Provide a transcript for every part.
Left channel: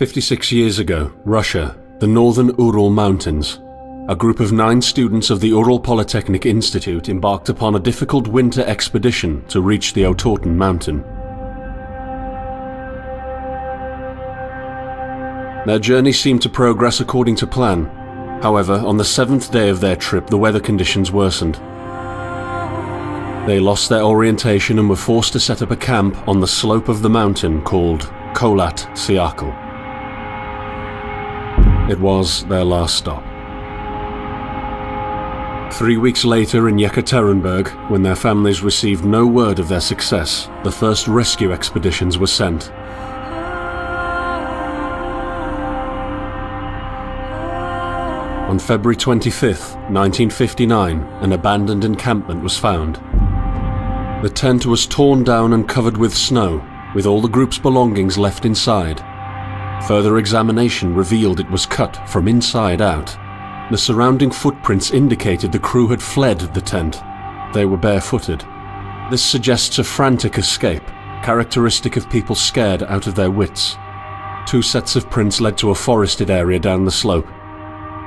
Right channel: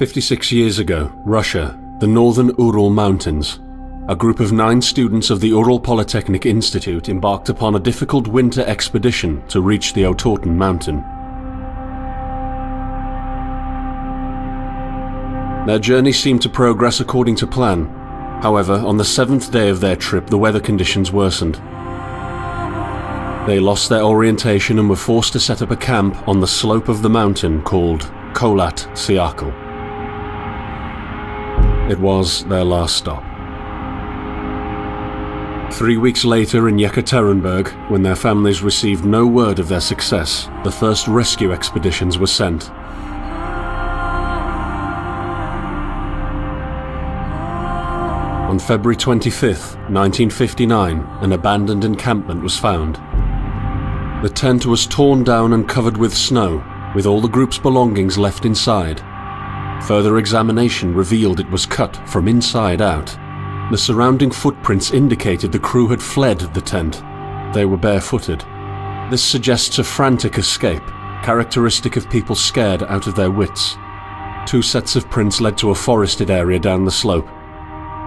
56 years ago, Russia, the northern Ural Mountains. A group of 9 students of the Ural Polytechnic Institute embarked upon a difficult winter expedition to reach the Otorten mountain. Their journey seemed to progress according to plan. However, on the 7th day of their trip, the weather conditions worsened. They lost their orientation and were forced to set up a camp on the slope of the mountain called Kholat Siakal. It was their last stop. 3 weeks later in Yekaterinburg, when their families received no word of their success, the first rescue expeditions were sent. On February 25, 1959, an abandoned encampment was found. The tent was torn down and covered with snow, with all the group's belongings left inside. Further examination revealed it was cut from inside out. The surrounding footprints indicated the crew had fled the tent. They were barefooted. This suggests a frantic escape, characteristic of people scared out of their wits. 2 sets of prints led to a forested area down the slope.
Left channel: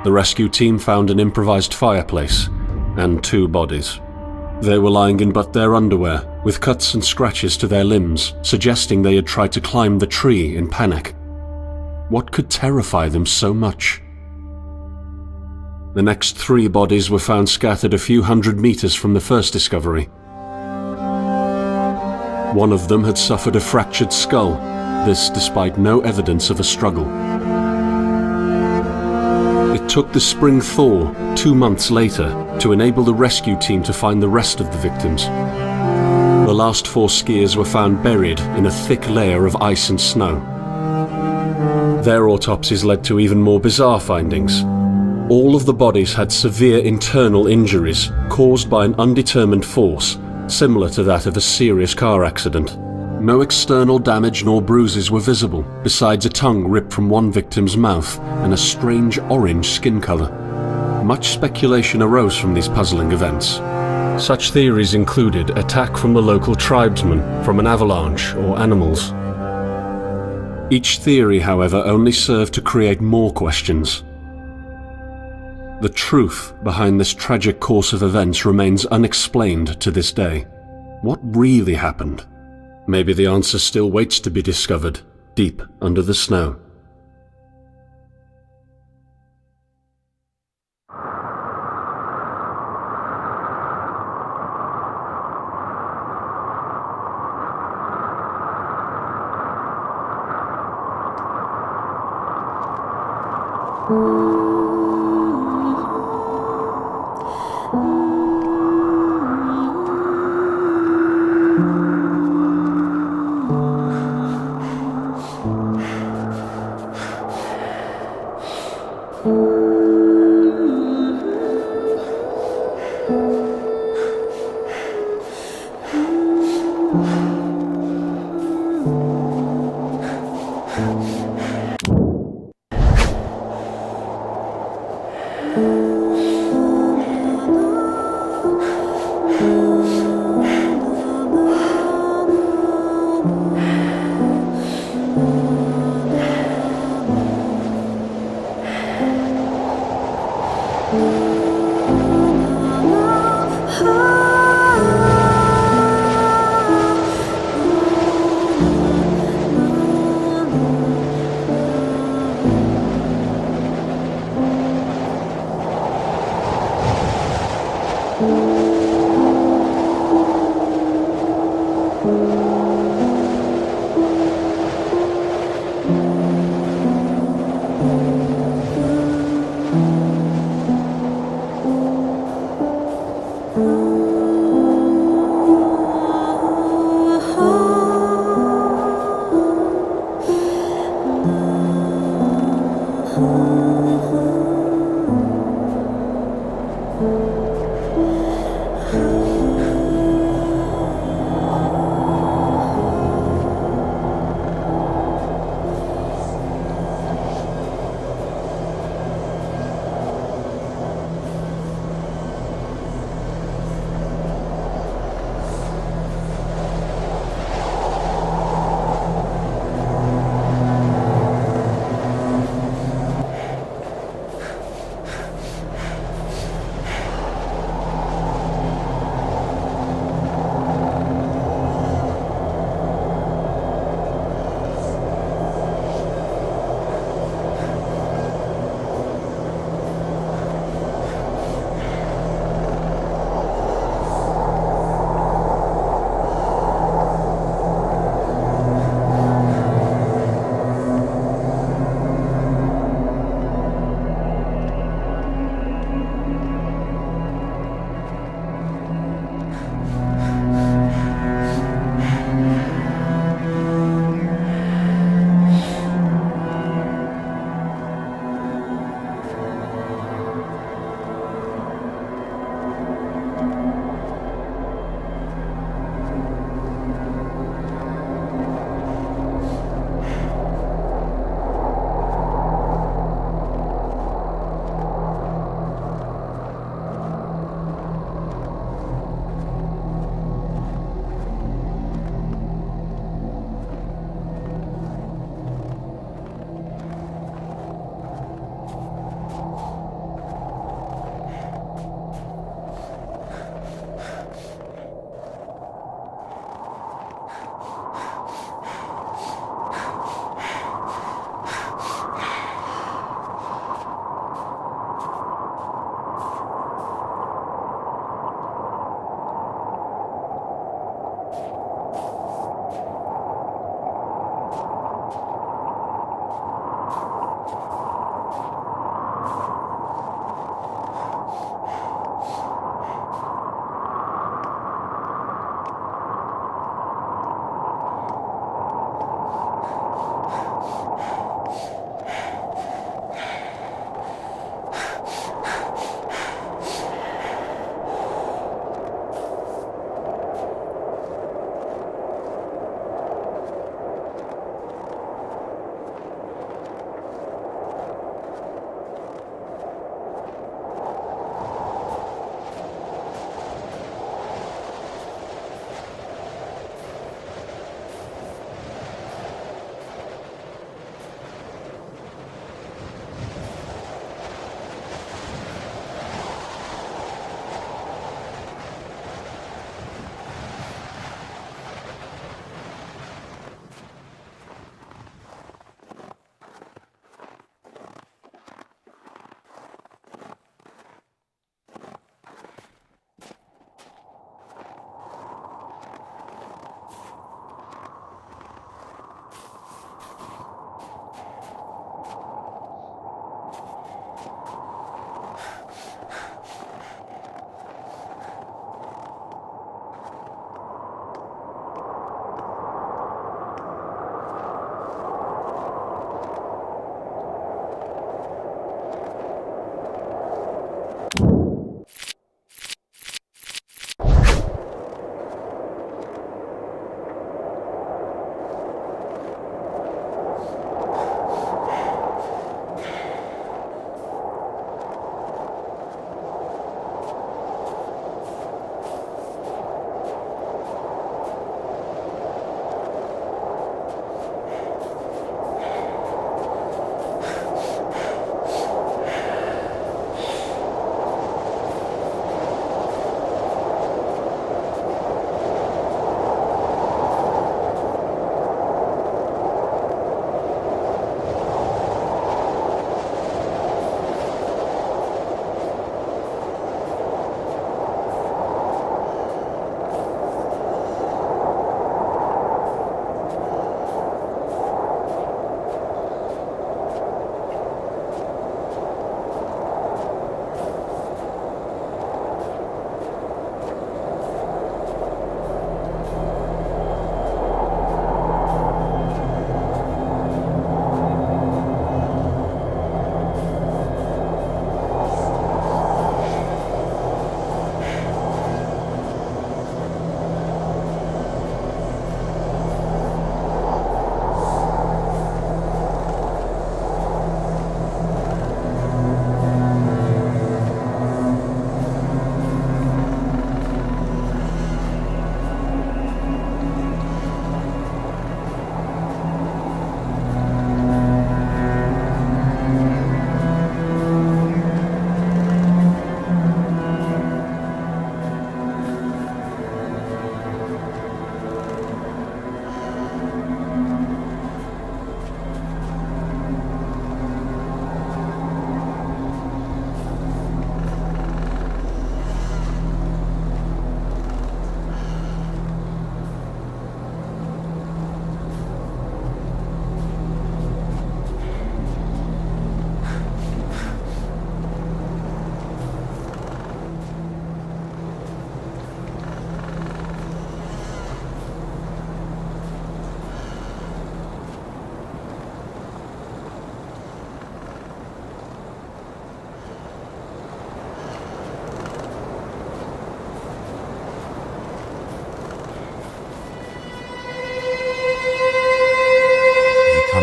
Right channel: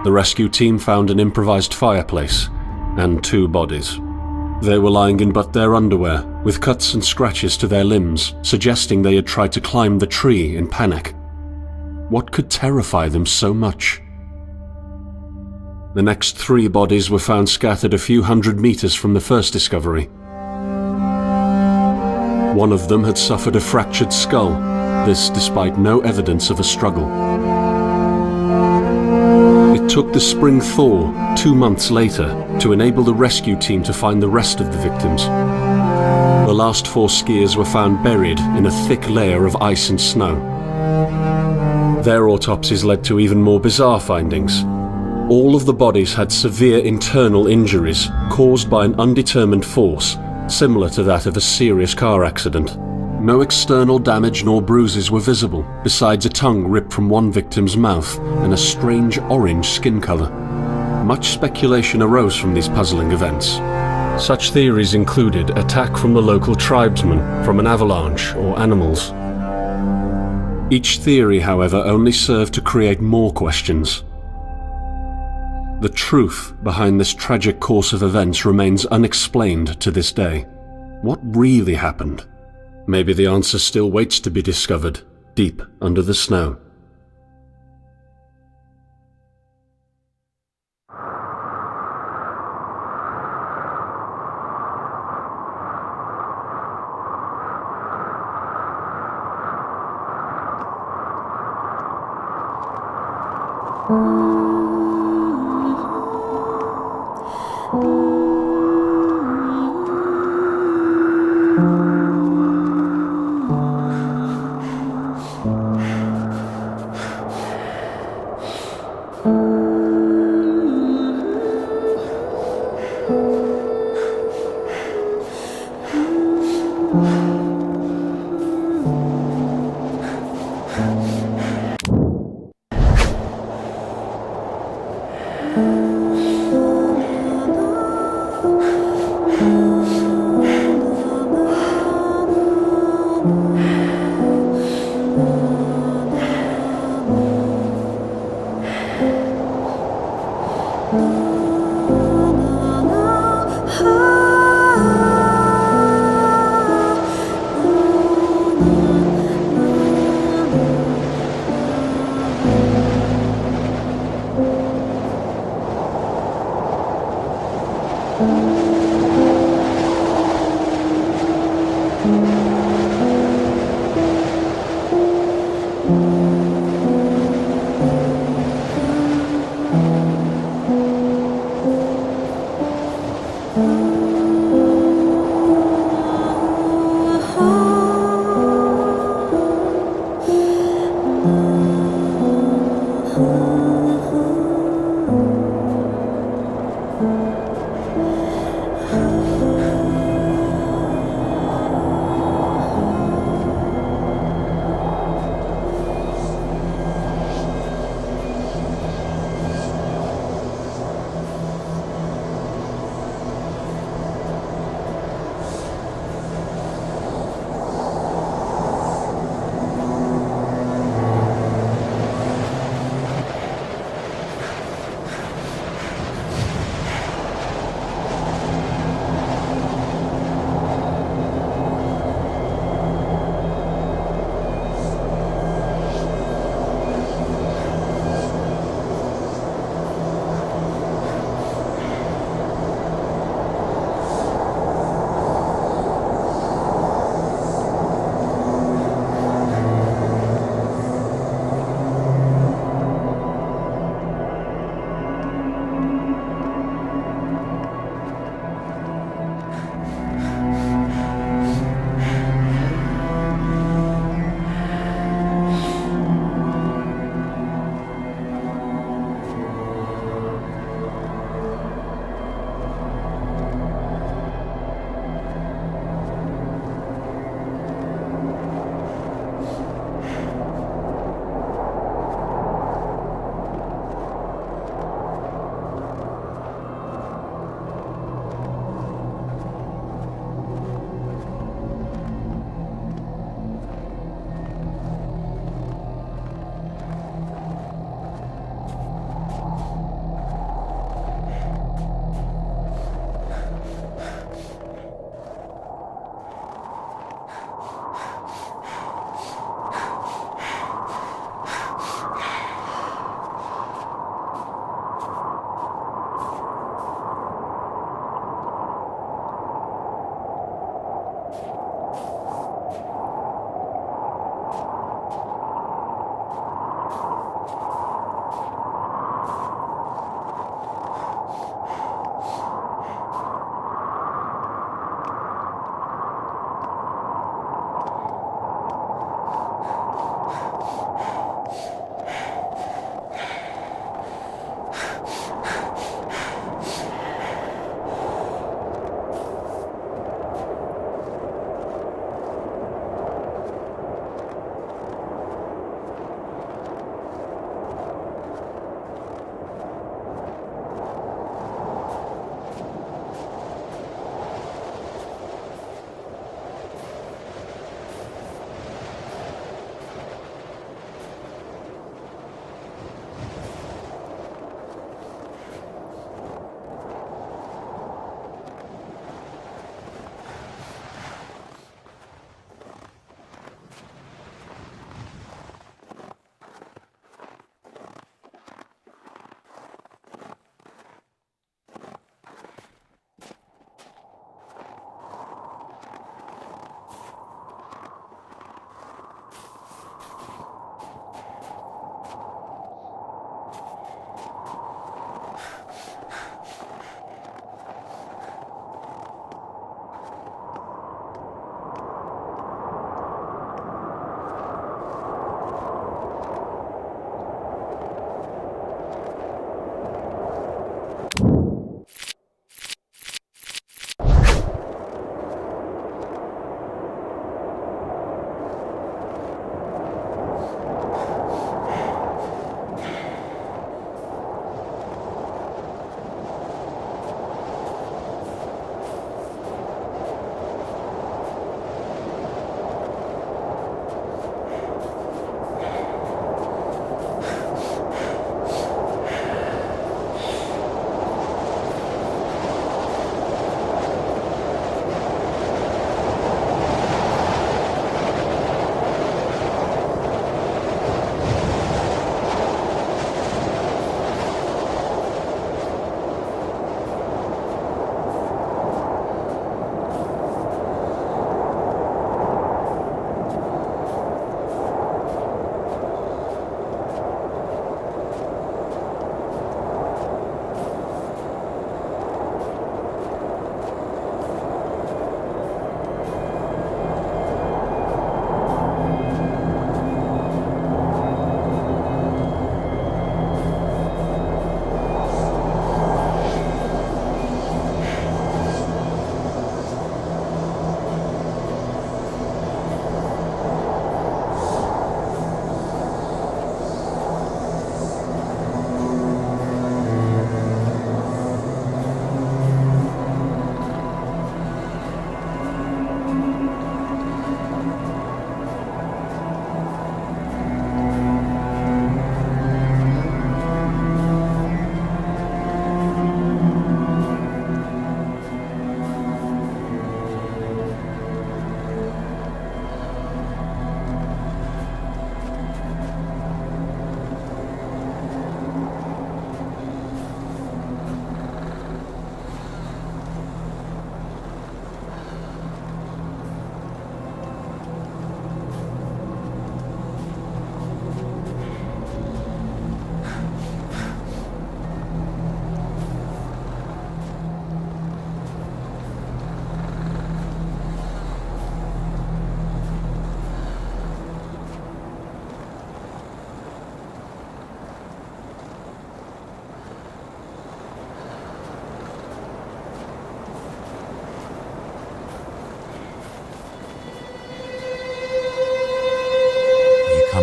The rescue team found an improvised fireplace and 2 bodies. They were lying in but their underwear, with cuts and scratches to their limbs, suggesting they had tried to climb the tree in panic. What could terrify them so much? The next 3 bodies were found scattered a few hundred meters from the first discovery. One of them had suffered a fractured skull, this despite no evidence of a struggle. It took the spring thaw 2 months later to enable the rescue team to find the rest of the victims. The last 4 skiers were found buried in a thick layer of ice and snow. Their autopsies led to even more bizarre findings. All of the bodies had severe internal injuries caused by an undetermined force, similar to that of a serious car accident. No external damage nor bruises were visible, besides a tongue ripped from one victim's mouth and a strange orange skin color. Much speculation arose from these puzzling events. Such theories included attack from the local tribesmen, from an avalanche, or animals. Each theory, however, only served to create more questions. The truth behind this tragic course of events remains unexplained to this day. What really happened? Maybe the answer still waits to be discovered, deep under the snow.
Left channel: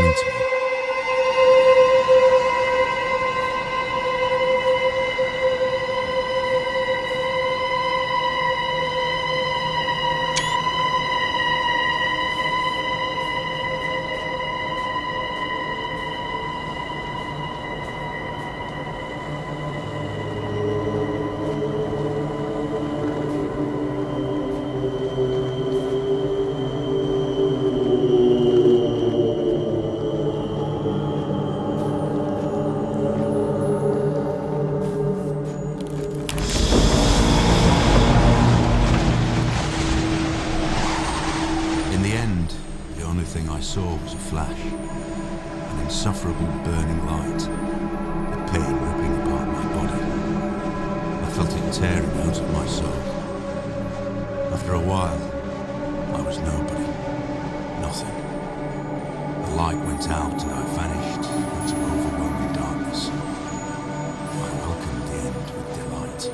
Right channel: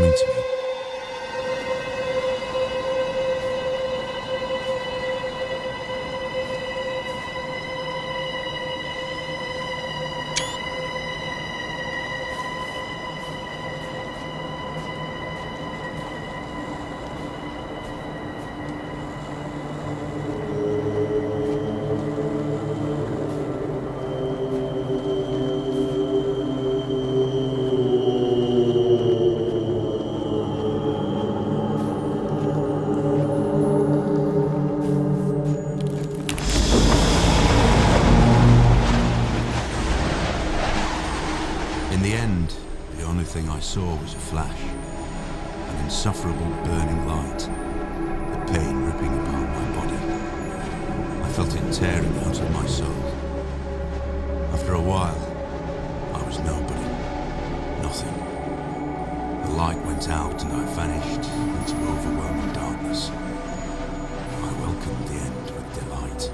coming to me. In the end, the only thing I saw was a flash, an insufferable burning light, the pain ripping apart my body. I felt it tearing out of my soul. After a while, I was nobody, nothing. The light went out and I vanished into overwhelming darkness. I welcomed the end with delight.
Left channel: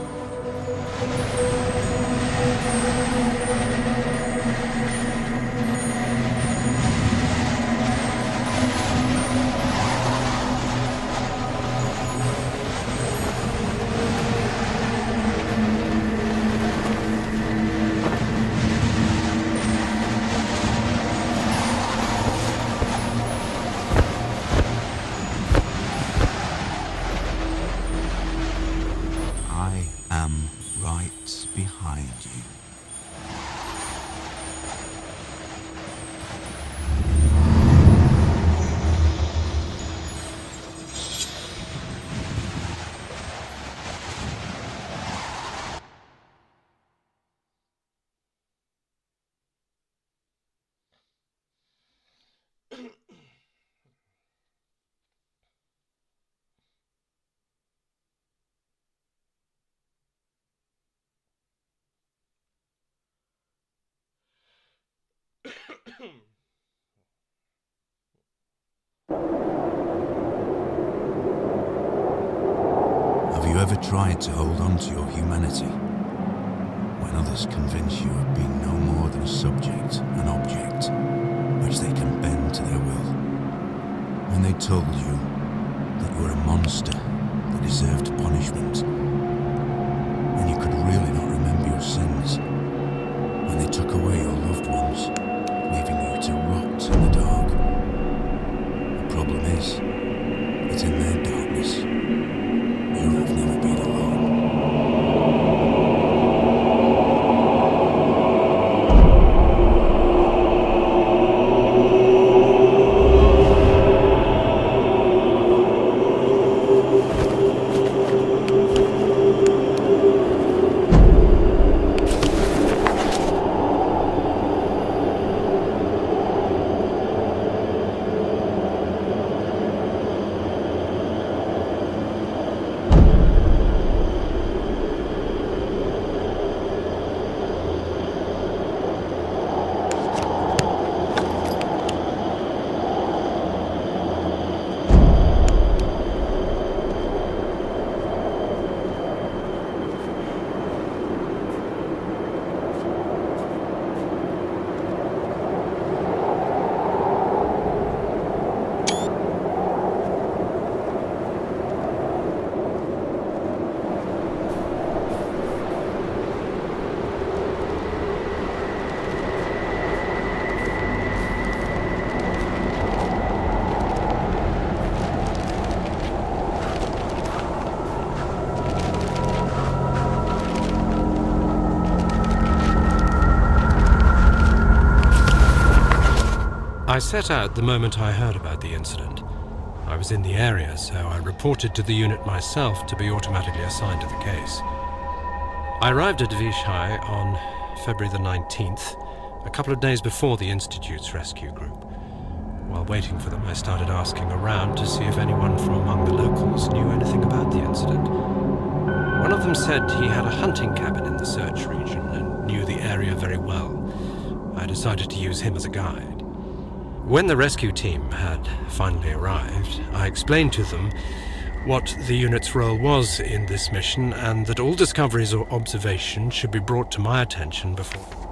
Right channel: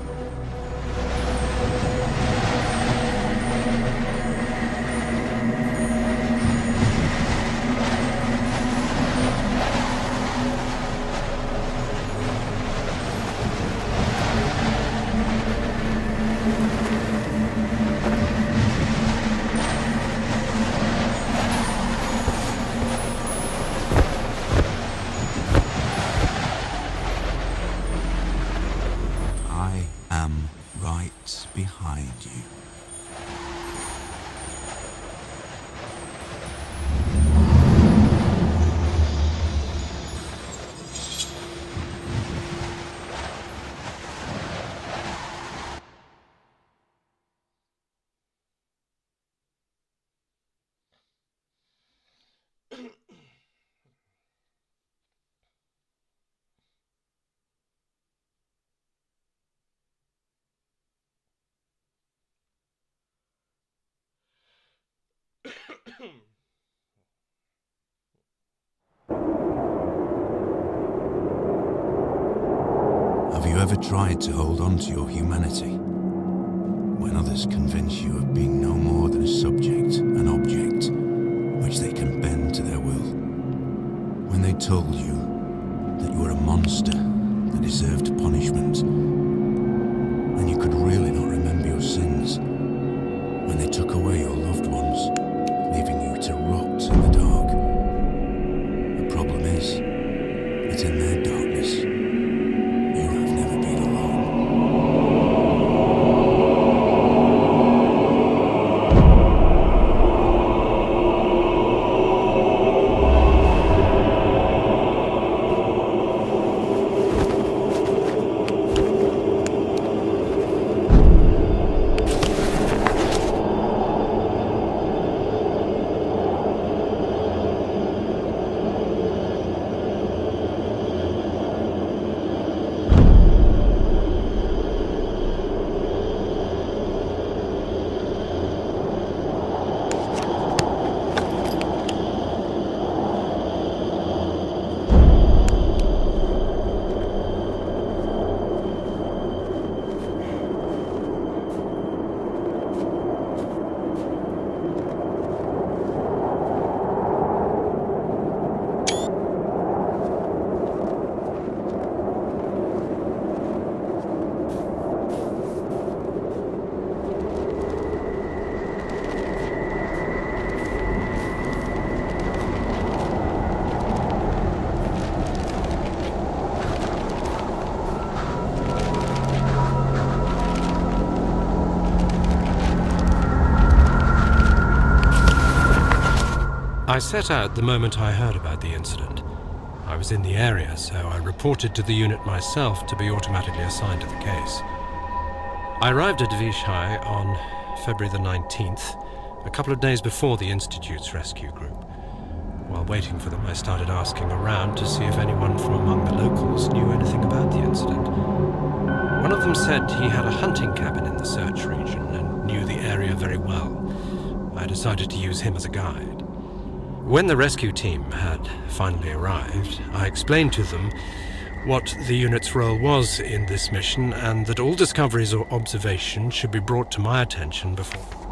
I am right behind you. Have you ever tried to hold on to your humanity when others convince you of being no more than a subject, an object, which they can bend to their will? When they told you that you were a monster that deserved punishment, and you could really not remember your sins? When they took away your loved ones, leaving you to rot in the dark? The problem is that in their darkness, you have never been alone. I set out the moment I heard about the incident. I was in the area, so I reported to the unit myself to be automatically assigned to the case. I arrived at Vishai on February the 19th, a couple of days before the Institute's rescue group. While waiting for them, I started asking around to see if anyone from among the locals knew anything about the incident. One of them said he had a hunting cabin in the search region and knew the area very well. I decided to use him as a guide. When the rescue team had finally arrived, I explained to them what the unit's role was in this mission and that all discoveries or observations should be brought to my attention before